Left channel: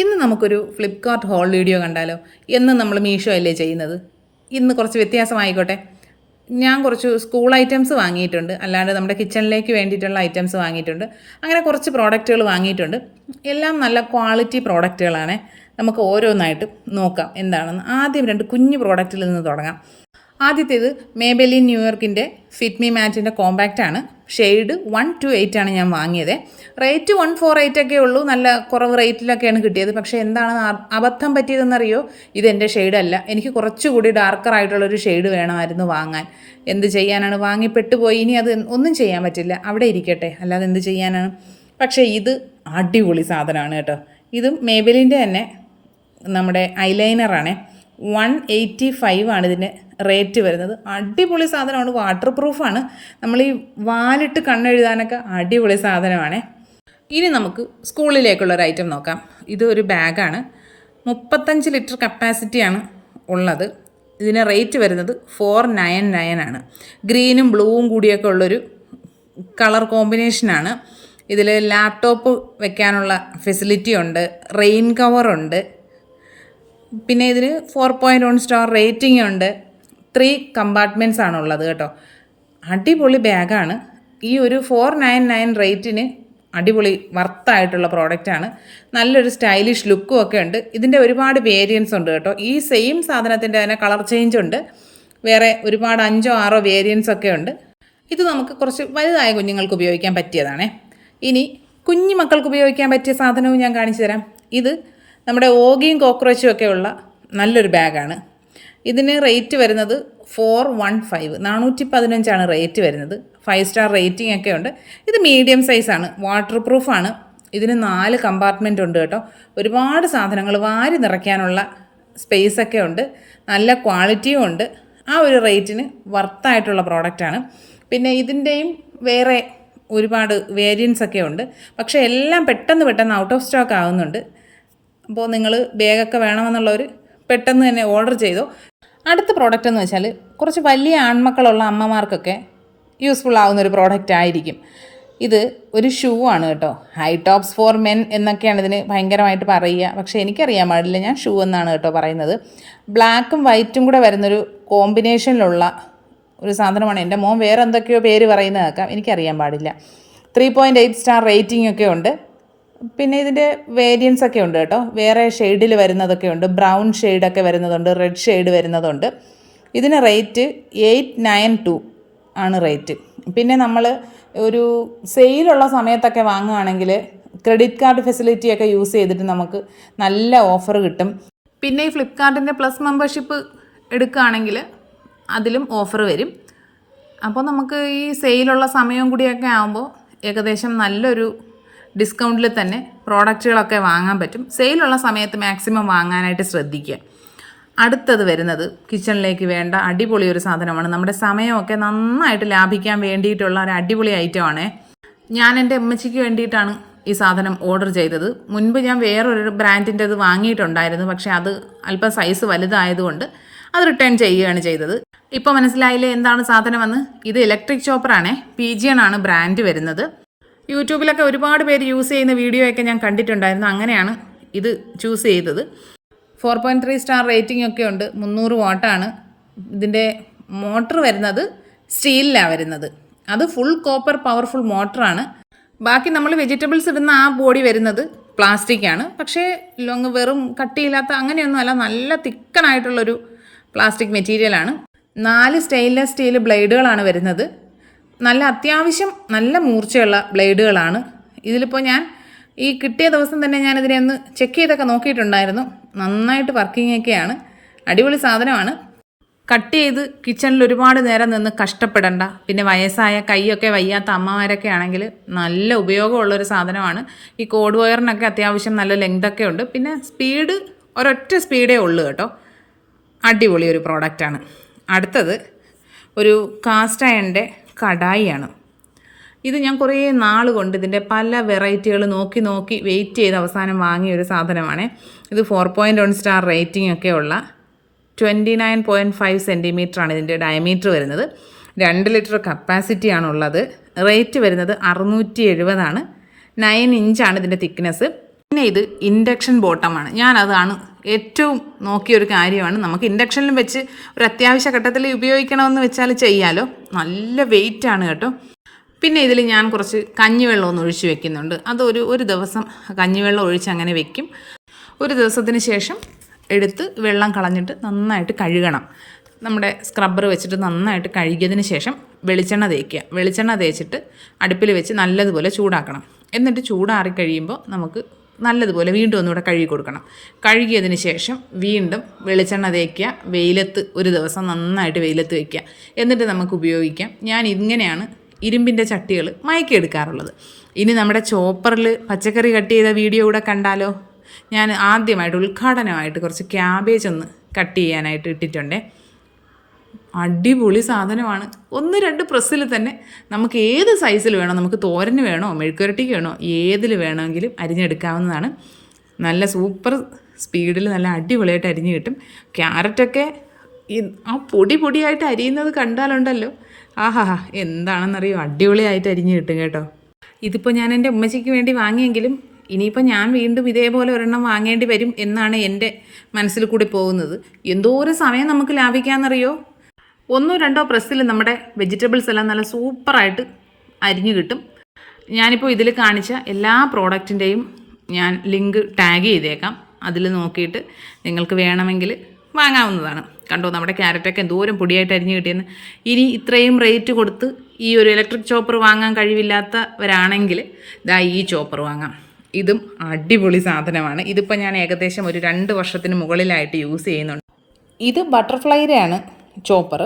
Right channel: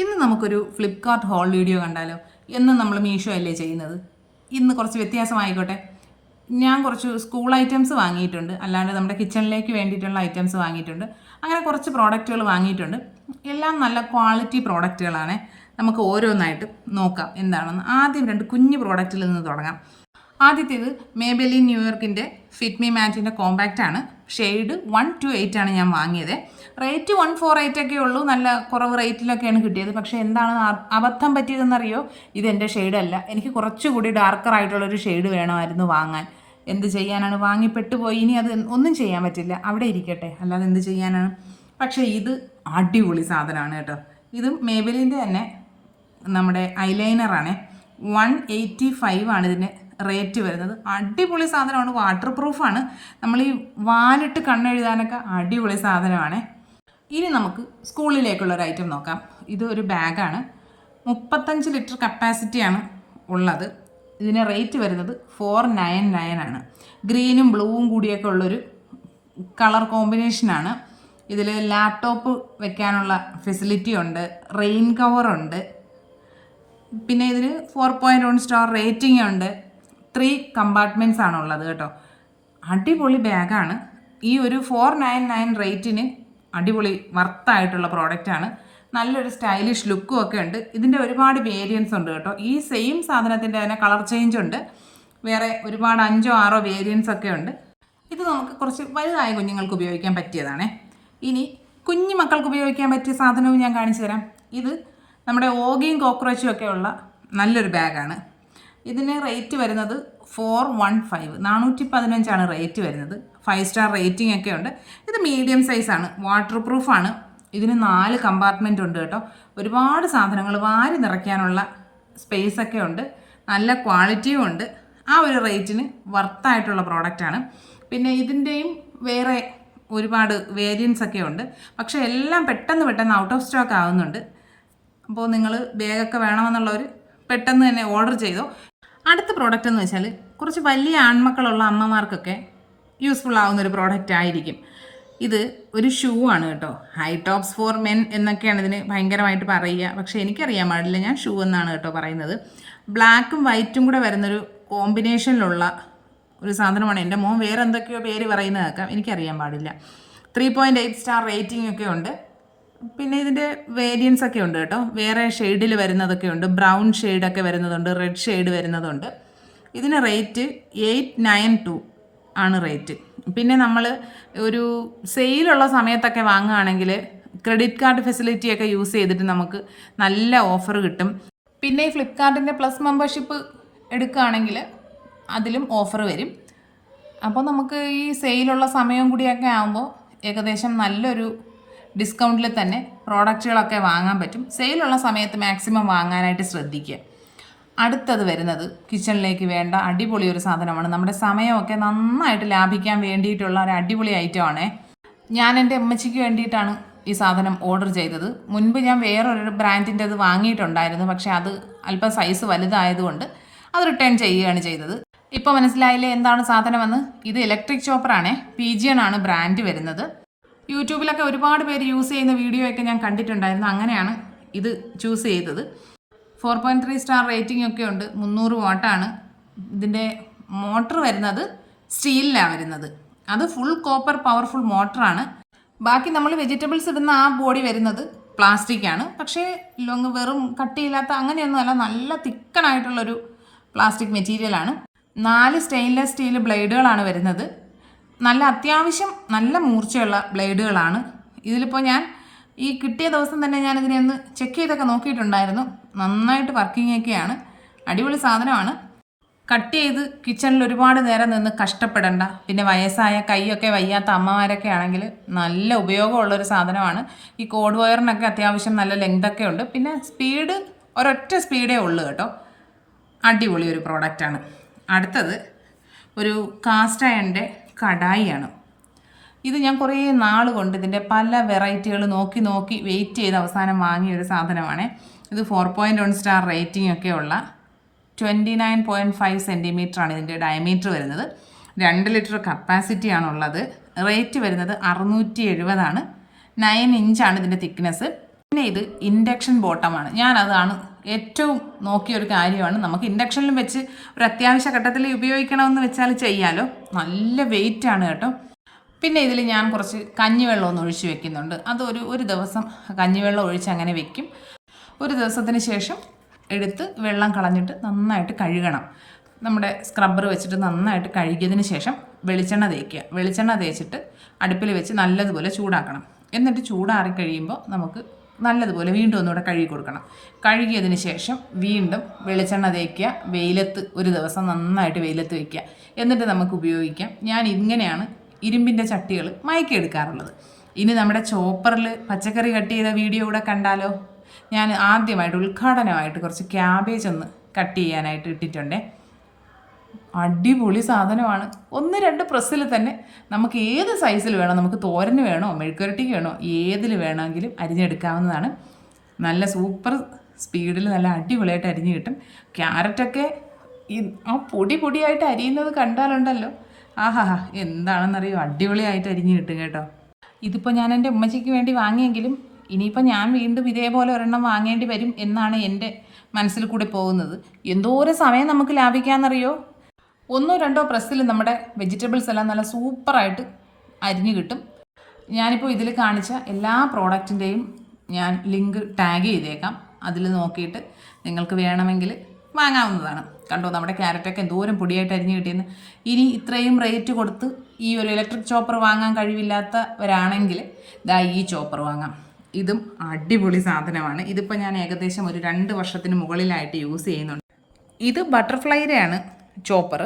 ഇന്ന് നമുക്കൊരു Flipkart whole video കണ്ടാലോ? എന്നും നമ്മൾ മീഷോ അല്ലേ ചെയ്യുന്നത്. ഇന്ന് കുറച്ച് വ്യത്യാസമായിക്കോട്ടെ. ഞാൻ കുറച്ച് സ്കൂൾ ഐറ്റംസ് വാങ്ങിയിട്ടുണ്ട്, അല്ലാണ്ട് നമ്മുടെ കിച്ചണിലേക്ക് വേണ്ടിയിട്ടുള്ള ഐറ്റംസ് വാങ്ങിയിട്ടുണ്ട്. അങ്ങനെ കുറച്ച് പ്രോഡക്റ്റുകൾ വാങ്ങിയിട്ടുണ്ട്. എല്ലാം നല്ല ക്വാളിറ്റി പ്രോഡക്റ്റുകളാണ്. നമുക്ക് ഓരോന്നായിട്ട് നോക്കാം എന്താണെന്ന്. ആദ്യം രണ്ട് കുഞ്ഞു പ്രോഡക്റ്റിൽ നിന്ന് തുടങ്ങാം. ആദ്യത്തേത് മേബെലിൻ ന്യൂയോർക്കിൻ്റെ ഫിറ്റ് മീ മാറ്റിൻ്റെ കോമ്പാക്റ്റാണ്. ഷെയ്ഡ് 128 ആണ് ഞാൻ വാങ്ങിയത്. റേറ്റ് 148 ഒക്കെ ഉള്ളൂ. നല്ല കുറവ് റേറ്റിലൊക്കെയാണ് കിട്ടിയത്. പക്ഷേ എന്താണ് അബദ്ധം പറ്റിയതെന്നറിയോ? ഇതെൻ്റെ ഷെയ്ഡല്ല. എനിക്ക് കുറച്ചുകൂടി ഡാർക്കറായിട്ടുള്ളൊരു ഷെയ്ഡ് വേണമായിരുന്നു വാങ്ങാൻ. എന്ത് ചെയ്യാനാണ്, വാങ്ങിപ്പെട്ടുപോയി. ഇനി അത് ഒന്നും ചെയ്യാൻ പറ്റില്ല, അവിടെ ഇരിക്കട്ടെ, അല്ലാതെ എന്ത് ചെയ്യാനാണ്. പക്ഷേ ഇത് അടിപൊളി സാധനമാണ് കേട്ടോ. ഇതും മേബെലിൻ്റെ തന്നെ നമ്മുടെ ഐലൈനറാണ്. 185 ആണ് ഇതിന് റേറ്റ് വരുന്നത്. അടിപൊളി സാധനമാണ്, വാട്ടർ പ്രൂഫാണ്. നമ്മൾ ഈ വാലിട്ട് കണ്ണെഴുതാനൊക്കെ അടിപൊളി സാധനമാണ്. ഇനി നമുക്ക് സ്കൂളിലേക്കുള്ളൊരു ഐറ്റം നോക്കാം. ഇത് ഒരു ബാഗാണ്. 35 ലിറ്റർ കപ്പാസിറ്റിയാണ് ഉള്ളത്. ഇതിന് റേറ്റ് വരുന്നത് 499 ആണ്. ഗ്രീനും ബ്ലൂവും കൂടിയൊക്കെ ഉള്ളൊരു കളർ കോമ്പിനേഷനാണ്. ഇതിൽ ലാപ്ടോപ്പ് വെക്കാനുള്ള ഫെസിലിറ്റി ഉണ്ട്, റെയിൻ കവറുണ്ട്, പിന്നെ ഇതിന് 4.1 സ്റ്റാർ റേറ്റിംഗ് ഉണ്ട്. 3 കമ്പാർട്ട്മെൻറ്റ്സ് ആണുള്ളത് കേട്ടോ. അടിപൊളി ബാഗാണ്. ഈ ഒരു 499 റേറ്റിന് അടിപൊളി വർത്തായിട്ടുള്ള പ്രോഡക്റ്റാണ്. നല്ലൊരു സ്റ്റൈലിഷ് ലുക്കും ഒക്കെ ഉണ്ട്. ഇതിൻ്റെ ഒരുപാട് വേരിയൻസ് ഉണ്ട് കേട്ടോ. ഈ സെയിം സാധനത്തിൻ്റെ തന്നെ കളർ ചേഞ്ച് ഉണ്ട്. വേറെ ഒരുപാട് 5-6 വേരിയൻസ് ഒക്കെ ഉണ്ട്. ഇത് നമുക്ക് കുറച്ച് വലുതായ കുഞ്ഞുങ്ങൾക്ക് ഉപയോഗിക്കാൻ പറ്റിയതാണേ. ഇനി കുഞ്ഞു മക്കൾക്ക് ഉപയോഗിക്കാൻ പറ്റിയ സാധനവും ഞാൻ കാണിച്ചു തരാം. ഇത് നമ്മുടെ ഓഗിയും കോക്രോച്ചും ഒക്കെ ഉള്ള നല്ലൊരു ബാഗാണ്. ഇതിന് റേറ്റ് വരുന്നത് 415, 415 റേറ്റ് വരുന്നത്. 5 സ്റ്റാർ റേറ്റിംഗ് ഒക്കെ ഉണ്ട്. ഇത് മീഡിയം സൈസാണ്, വാട്ടർ പ്രൂഫാണ്. ഇതിന് 4 കമ്പാർട്ട്മെൻ്റ് ഉണ്ട് കേട്ടോ. ഒരുപാട് സാധനങ്ങൾ വാരി നിറയ്ക്കാനുള്ള സ്പേസൊക്കെ ഉണ്ട്. നല്ല ക്വാളിറ്റിയും ഉണ്ട്. ആ ഒരു റേറ്റിന് വർത്തായിട്ടുള്ള പ്രോഡക്റ്റാണ്. പിന്നെ ഇതിൻ്റെയും വേറെ ഒരുപാട് വേരിയൻസ് ഒക്കെ ഉണ്ട്. പക്ഷേ എല്ലാം പെട്ടെന്ന് ഔട്ട് ഓഫ് സ്റ്റോക്ക് ആകുന്നുണ്ട്. അപ്പോൾ നിങ്ങൾ ബാഗൊക്കെ വേണമെന്നുള്ളവർ പെട്ടെന്ന് തന്നെ ഓർഡർ ചെയ്തോ. അടുത്ത പ്രോഡക്റ്റ് എന്ന് വെച്ചാൽ കുറച്ച് വലിയ ആൺമക്കളുള്ള അമ്മമാർക്കൊക്കെ യൂസ്ഫുൾ ആവുന്ന ഒരു പ്രോഡക്റ്റ് ആയിരിക്കും. ഇത് ഒരു ഷൂ ആണ് കേട്ടോ. ഹൈ ടോപ്സ് ഫോർ മെൻ എന്നൊക്കെയാണ് ഇതിന് ഭയങ്കരമായിട്ട് പറയുക. പക്ഷേ എനിക്കറിയാൻ പാടില്ല, ഞാൻ ഷൂ എന്നാണ് കേട്ടോ പറയുന്നത്. ബ്ലാക്കും വൈറ്റും കൂടെ വരുന്നൊരു കോമ്പിനേഷനിലുള്ള ഒരു സാധനമാണ്. എൻ്റെ മോൻ വേറെ എന്തൊക്കെയോ പേര് പറയുന്നത് കേൾക്കാം, എനിക്കറിയാൻ പാടില്ല. 3.8 സ്റ്റാർ റേറ്റിംഗ് ഒക്കെ ഉണ്ട്. പിന്നെ ഇതിൻ്റെ വേരിയൻസ് ഒക്കെ ഉണ്ട് കേട്ടോ. വേറെ ഷെയ്ഡിൽ വരുന്നതൊക്കെ ഉണ്ട്. ബ്രൗൺ ഷെയ്ഡൊക്കെ വരുന്നതുണ്ട്, റെഡ് ഷെയ്ഡ് വരുന്നതുണ്ട്. ഇതിന് റേറ്റ് 892 ആണ് റേറ്റ്. പിന്നെ നമ്മൾ ഒരു സെയിലുള്ള സമയത്തൊക്കെ വാങ്ങുകയാണെങ്കിൽ ക്രെഡിറ്റ് കാർഡ് ഫെസിലിറ്റിയൊക്കെ യൂസ് ചെയ്തിട്ട് നമുക്ക് നല്ല ഓഫർ കിട്ടും. പിന്നെ ഈ ഫ്ലിപ്കാർട്ടിൻ്റെ പ്ലസ് മെമ്പർഷിപ്പ് എടുക്കുകയാണെങ്കിൽ അതിലും ഓഫർ വരും. അപ്പോൾ നമുക്ക് ഈ സെയിലുള്ള സമയം കൂടിയൊക്കെ ആകുമ്പോൾ ഏകദേശം നല്ലൊരു ഡിസ്കൗണ്ടിൽ തന്നെ പ്രോഡക്റ്റുകളൊക്കെ വാങ്ങാൻ പറ്റും. സെയിലുള്ള സമയത്ത് മാക്സിമം വാങ്ങാനായിട്ട് ശ്രദ്ധിക്കുക. അടുത്തത് വരുന്നത് കിച്ചണിലേക്ക് വേണ്ട അടിപൊളി ഒരു സാധനമാണ്. നമ്മുടെ സമയമൊക്കെ നന്നായിട്ട് ലാഭിക്കാൻ വേണ്ടിയിട്ടുള്ള ഒരു അടിപൊളി ഐറ്റമാണ്. ഞാൻ എൻ്റെ അമ്മച്ചിക്ക് വേണ്ടിയിട്ടാണ് ഈ സാധനം ഓർഡർ ചെയ്തത്. മുൻപ് ഞാൻ വേറൊരു ബ്രാൻഡിൻ്റെ അത് വാങ്ങിയിട്ടുണ്ടായിരുന്നു. പക്ഷേ അത് അല്പം സൈസ് വലുതായതുകൊണ്ട് അത് റിട്ടേൺ ചെയ്യുകയാണ് ചെയ്തത്. ഇപ്പോൾ മനസ്സിലായില്ലേ എന്താണ് സാധനമെന്ന്? ഇത് ഇലക്ട്രിക് ചോപ്പറാണേ. PGN ആണ് ബ്രാൻഡ് വരുന്നത്. യൂട്യൂബിലൊക്കെ ഒരുപാട് പേര് യൂസ് ചെയ്യുന്ന വീഡിയോ ഒക്കെ ഞാൻ കണ്ടിട്ടുണ്ടായിരുന്നു. അങ്ങനെയാണ് ഇത് ചൂസ് ചെയ്തത്. 4.3 സ്റ്റാർ റേറ്റിംഗ് ഒക്കെ ഉണ്ട്. 300 വാട്ടാണ്. ഇതിൻ്റെ മോട്ടർ വരുന്നത് സ്റ്റീലിലാണ് വരുന്നത്. അത് ഫുൾ കോപ്പർ പവർഫുൾ മോട്ടറാണ്. ബാക്കി നമ്മൾ വെജിറ്റബിൾസ് ഇടുന്ന ആ ബോഡി വരുന്നത് പ്ലാസ്റ്റിക്കാണ്. പക്ഷേ വെറും കട്ടിയില്ലാത്ത അങ്ങനെയൊന്നുമല്ല, നല്ല തിക്കണായിട്ടുള്ളൊരു പ്ലാസ്റ്റിക് മെറ്റീരിയലാണ്. 4 സ്റ്റെയിൻലെസ് സ്റ്റീൽ ബ്ലേഡുകളാണ് വരുന്നത്. നല്ല അത്യാവശ്യം നല്ല മൂർച്ചയുള്ള ബ്ലേഡുകളാണ്. ഇതിലിപ്പോൾ ഞാൻ ഈ കിട്ടിയ ദിവസം തന്നെ ഞാൻ ഇതിനെ ഒന്ന് ചെക്ക് ചെയ്തൊക്കെ നോക്കിയിട്ടുണ്ടായിരുന്നു. നന്നായിട്ട് വർക്കിംഗ് ഒക്കെയാണ്. അടിപൊളി സാധനമാണ്. കട്ട് ചെയ്ത് കിച്ചണിൽ ഒരുപാട് നേരം നിന്ന് കഷ്ടപ്പെടണ്ട. പിന്നെ വയസ്സായ കൈയൊക്കെ വയ്യാത്ത അമ്മമാരൊക്കെ ആണെങ്കിൽ നല്ല ഉപയോഗമുള്ളൊരു സാധനമാണ്. ഈ കോഡ് വയറിനൊക്കെ അത്യാവശ്യം നല്ല ലെങ്തൊക്കെ ഉണ്ട്. പിന്നെ സ്പീഡ് ഒരൊറ്റ സ്പീഡേ ഉള്ളൂ കേട്ടോ. അടിപൊളി ഒരു പ്രോഡക്റ്റാണ്. അടുത്തത് ഒരു കാസ്റ്റ് അയണിൻ്റെ കടായിയാണ്. ഇത് ഞാൻ കുറേ നാൾ കൊണ്ട് ഇതിൻ്റെ പല വെറൈറ്റികൾ നോക്കി വെയിറ്റ് ചെയ്ത് അവസാനം വാങ്ങിയ ഒരു സാധനമാണ്. ഇത് 4.1 സ്റ്റാർ റേറ്റിംഗ് ഒക്കെ ഉള്ള 29.5 സെൻറ്റിമീറ്ററാണ് ഇതിൻ്റെ ഡയമീറ്റർ വരുന്നത്. 2 ലിറ്റർ കപ്പാസിറ്റിയാണുള്ളത്. റേറ്റ് വരുന്നത് 670 ആണ്. 9 ഇഞ്ചാണ് ഇതിൻ്റെ തിക്നെസ്. പിന്നെ ഇത് ഇൻഡക്ഷൻ ബോട്ടമാണ്. ഞാനതാണ് ഏറ്റവും നോക്കിയൊരു കാര്യമാണ്. നമുക്ക് ഇൻഡക്ഷനിലും വെച്ച് ഒരു അത്യാവശ്യ ഘട്ടത്തിൽ ഉപയോഗിക്കണമെന്ന് വെച്ചാൽ ചെയ്യാലോ. നല്ല വെയിറ്റാണ് കേട്ടോ. പിന്നെ ഇതിൽ ഞാൻ കുറച്ച് കഞ്ഞിവെള്ളം ഒന്ന് ഒഴിച്ച് വെക്കുന്നുണ്ട്. ഒരു ദിവസം കഞ്ഞിവെള്ളം ഒഴിച്ച് അങ്ങനെ വെക്കും. ഒരു ദിവസത്തിന് ശേഷം എടുത്ത് വെള്ളം കളഞ്ഞിട്ട് നന്നായിട്ട് കഴുകണം. നമ്മുടെ സ്ക്രബ്ബർ വെച്ചിട്ട് നന്നായിട്ട് കഴുകിയതിന് ശേഷം വെളിച്ചെണ്ണ തേക്കുക. വെളിച്ചെണ്ണ തേച്ചിട്ട് അടുപ്പിൽ വെച്ച് നല്ലതുപോലെ ചൂടാക്കണം. എന്നിട്ട് ചൂടാറി കഴിയുമ്പോൾ നമുക്ക് നല്ലതുപോലെ വീണ്ടും ഒന്നുകൂടെ കഴുകി കൊടുക്കണം. കഴുകിയതിന് ശേഷം വീണ്ടും വെളിച്ചെണ്ണ തേക്കുക. വെയിലത്ത് ഒരു ദിവസം നന്നായിട്ട് വെയിലത്ത് വയ്ക്കുക. എന്നിട്ട് നമുക്ക് ഉപയോഗിക്കാം. ഞാൻ ഇങ്ങനെയാണ് ഇരുമ്പിൻ്റെ ചട്ടികൾ മയക്കിയെടുക്കാറുള്ളത്. ഇനി നമ്മുടെ ചോപ്പറിൽ പച്ചക്കറി കട്ട് ചെയ്ത വീഡിയോ കൂടെ കണ്ടാലോ? ഞാൻ ആദ്യമായിട്ട് ഉദ്ഘാടനമായിട്ട് കുറച്ച് ക്യാബേജ് ഒന്ന് കട്ട് ചെയ്യാനായിട്ട് ഇട്ടിട്ടുണ്ടേ. അടിപൊളി സാധനമാണ്. 1-2 പ്രസ്സിൽ തന്നെ നമുക്ക് ഏത് സൈസിൽ വേണോ, നമുക്ക് തോരന് വേണോ മെഴുക്കുരട്ടിക്ക് വേണോ ഏതിൽ വേണമെങ്കിലും അരിഞ്ഞെടുക്കാവുന്നതാണ്. നല്ല സൂപ്പർ സ്പീഡിൽ നല്ല അടിപൊളിയായിട്ട് അരിഞ്ഞ് കിട്ടും. ക്യാരറ്റൊക്കെ ആ പൊടിയായിട്ട് അരിയുന്നത് കണ്ടാലുണ്ടല്ലോ, ആഹാ എന്താണെന്നറിയോ, അടിപൊളിയായിട്ട് അരിഞ്ഞ് കിട്ടും കേട്ടോ. ഇതിപ്പോൾ ഞാൻ എൻ്റെ ഉമ്മച്ചിക്ക് വേണ്ടി വാങ്ങിയെങ്കിലും ഇനിയിപ്പോൾ ഞാൻ വീണ്ടും ഇതേപോലെ ഒരെണ്ണം വാങ്ങേണ്ടി വരും എന്നാണ് എൻ്റെ മനസ്സിൽ കൂടി പോകുന്നത്. എന്തോരം സമയം നമുക്ക് ലാഭിക്കാമെന്നറിയോ. 1-2 പ്രസ്സിൽ നമ്മുടെ വെജിറ്റബിൾസ് എല്ലാം നല്ല സൂപ്പറായിട്ട് അരിഞ്ഞു കിട്ടും. ഞാനിപ്പോൾ ഇതിൽ കാണിച്ച എല്ലാ പ്രോഡക്റ്റിൻ്റെയും ഞാൻ ലിങ്ക് ടാഗ് ചെയ്തേക്കാം. അതിൽ നോക്കിയിട്ട് നിങ്ങൾക്ക് വേണമെങ്കിൽ വാങ്ങാവുന്നതാണ്. കണ്ടോ, നമ്മുടെ ക്യാരറ്റൊക്കെ എന്തോരം പൊടിയായിട്ട് അരിഞ്ഞ് കിട്ടിയെന്ന്. ഇനി ഇത്രയും റേറ്റ് കൊടുത്ത് ഈ ഒരു ഇലക്ട്രിക് ചോപ്പർ വാങ്ങാൻ കഴിവില്ലാത്തവരാണെങ്കിൽ ഈ ചോപ്പർ വാങ്ങാം. ഇതും അടിപൊളി സാധനമാണ്. ഇതിപ്പോൾ ഞാൻ ഏകദേശം ഒരു 2 വർഷത്തിന് മുകളിലായിട്ട് യൂസ് ചെയ്യുന്നുണ്ട്. ഇത് ബട്ടർഫ്ലൈയുടെയാണ് ചോപ്പർ.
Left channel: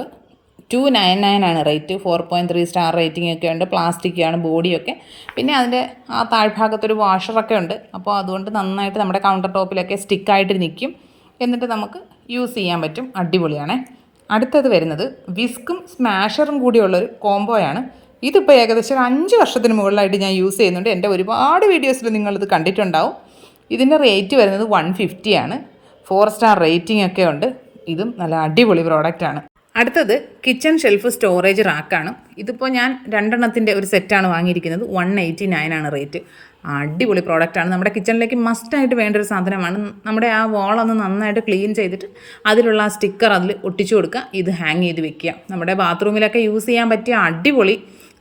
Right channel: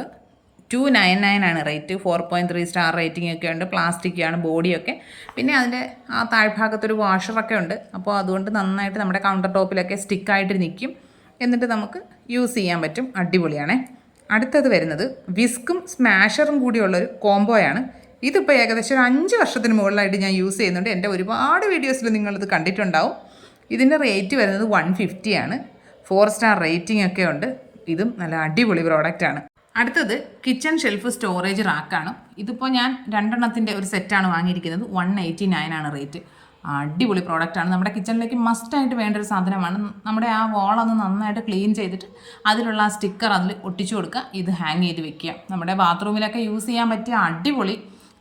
299 ആണ് റേറ്റ്. 4.3 സ്റ്റാർ റേറ്റിംഗ് ഒക്കെ ഉണ്ട്. പ്ലാസ്റ്റിക്കാണ് ബോഡിയൊക്കെ. പിന്നെ അതിൻ്റെ ആ താഴ്ഭാഗത്തൊരു വാഷറൊക്കെ ഉണ്ട്. അപ്പോൾ അതുകൊണ്ട് നന്നായിട്ട് നമ്മുടെ കൗണ്ടർ ടോപ്പിലൊക്കെ സ്റ്റിക്കായിട്ട് നിൽക്കും. എന്നിട്ട് നമുക്ക് യൂസ് ചെയ്യാൻ പറ്റും. അടിപൊളിയാണേ. അടുത്തത് വരുന്നത് വിസ്കും സ്മാഷറും കൂടിയുള്ളൊരു കോംബോയാണ്. ഇതിപ്പോൾ ഏകദേശം 5 വർഷത്തിന് മുകളിലായിട്ട് ഞാൻ യൂസ് ചെയ്യുന്നുണ്ട്. എൻ്റെ ഒരുപാട് വീഡിയോസിൽ നിങ്ങളിത് കണ്ടിട്ടുണ്ടാവും. ഇതിൻ്റെ റേറ്റ് വരുന്നത് 150 ആണ്. 4 സ്റ്റാർ റേറ്റിംഗ് ഒക്കെ ഉണ്ട്. ഇതും നല്ല അടിപൊളി പ്രോഡക്റ്റാണ്. അടുത്തത് കിച്ചൺ ഷെൽഫ് സ്റ്റോറേജ് റാക്കാണ്. ഇതിപ്പോൾ ഞാൻ 2 എണ്ണത്തിൻ്റെ ഒരു സെറ്റാണ് വാങ്ങിയിരിക്കുന്നത്. 189 ആണ് റേറ്റ്. അടിപൊളി പ്രോഡക്റ്റാണ്. നമ്മുടെ കിച്ചണിലേക്ക് മസ്റ്റായിട്ട് വേണ്ട ഒരു സാധനമാണ്. നമ്മുടെ ആ വോളൊന്ന് നന്നായിട്ട് ക്ലീൻ ചെയ്തിട്ട് അതിലുള്ള ആ സ്റ്റിക്കർ അതിൽ ഒട്ടിച്ചു കൊടുക്കുക. ഇത് ഹാങ് ചെയ്ത് വെക്കുക. നമ്മുടെ ബാത്റൂമിലൊക്കെ യൂസ് ചെയ്യാൻ പറ്റിയ അടിപൊളി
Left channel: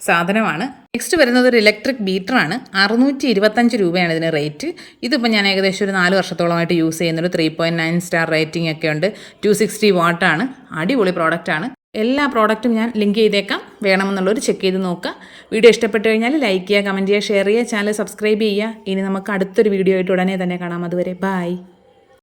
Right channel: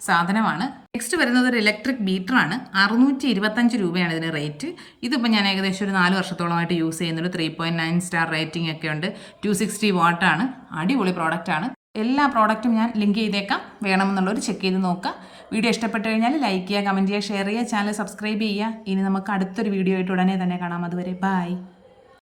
സാധനമാണ്. നെക്സ്റ്റ് വരുന്നത് ഒരു ഇലക്ട്രിക് ബീറ്ററാണ്. 625 രൂപയാണ് ഇതിന് റേറ്റ്. ഇതിപ്പോൾ ഞാൻ ഏകദേശം ഒരു 4 വർഷത്തോളമായിട്ട് യൂസ് ചെയ്യുന്നുണ്ട്. 3.9 സ്റ്റാർ റേറ്റിംഗ് ഒക്കെ ഉണ്ട്. 260 വാട്ടാണ്. അടിപൊളി പ്രോഡക്റ്റാണ്. എല്ലാ പ്രോഡക്റ്റും ഞാൻ ലിങ്ക് ചെയ്തേക്കാം. വേണമെന്നുള്ളവർ ചെക്ക് ചെയ്ത് നോക്കുക. വീഡിയോ ഇഷ്ടപ്പെട്ട് കഴിഞ്ഞാൽ ലൈക്ക് ചെയ്യുക, കമൻറ്റ് ചെയ്യുക, ഷെയർ ചെയ്യുക, ചാനൽ സബ്സ്ക്രൈബ് ചെയ്യുക. ഇനി നമുക്ക് അടുത്തൊരു വീഡിയോ ആയിട്ട് ഉടനെ തന്നെ കാണാം. അതുവരെ ബൈ.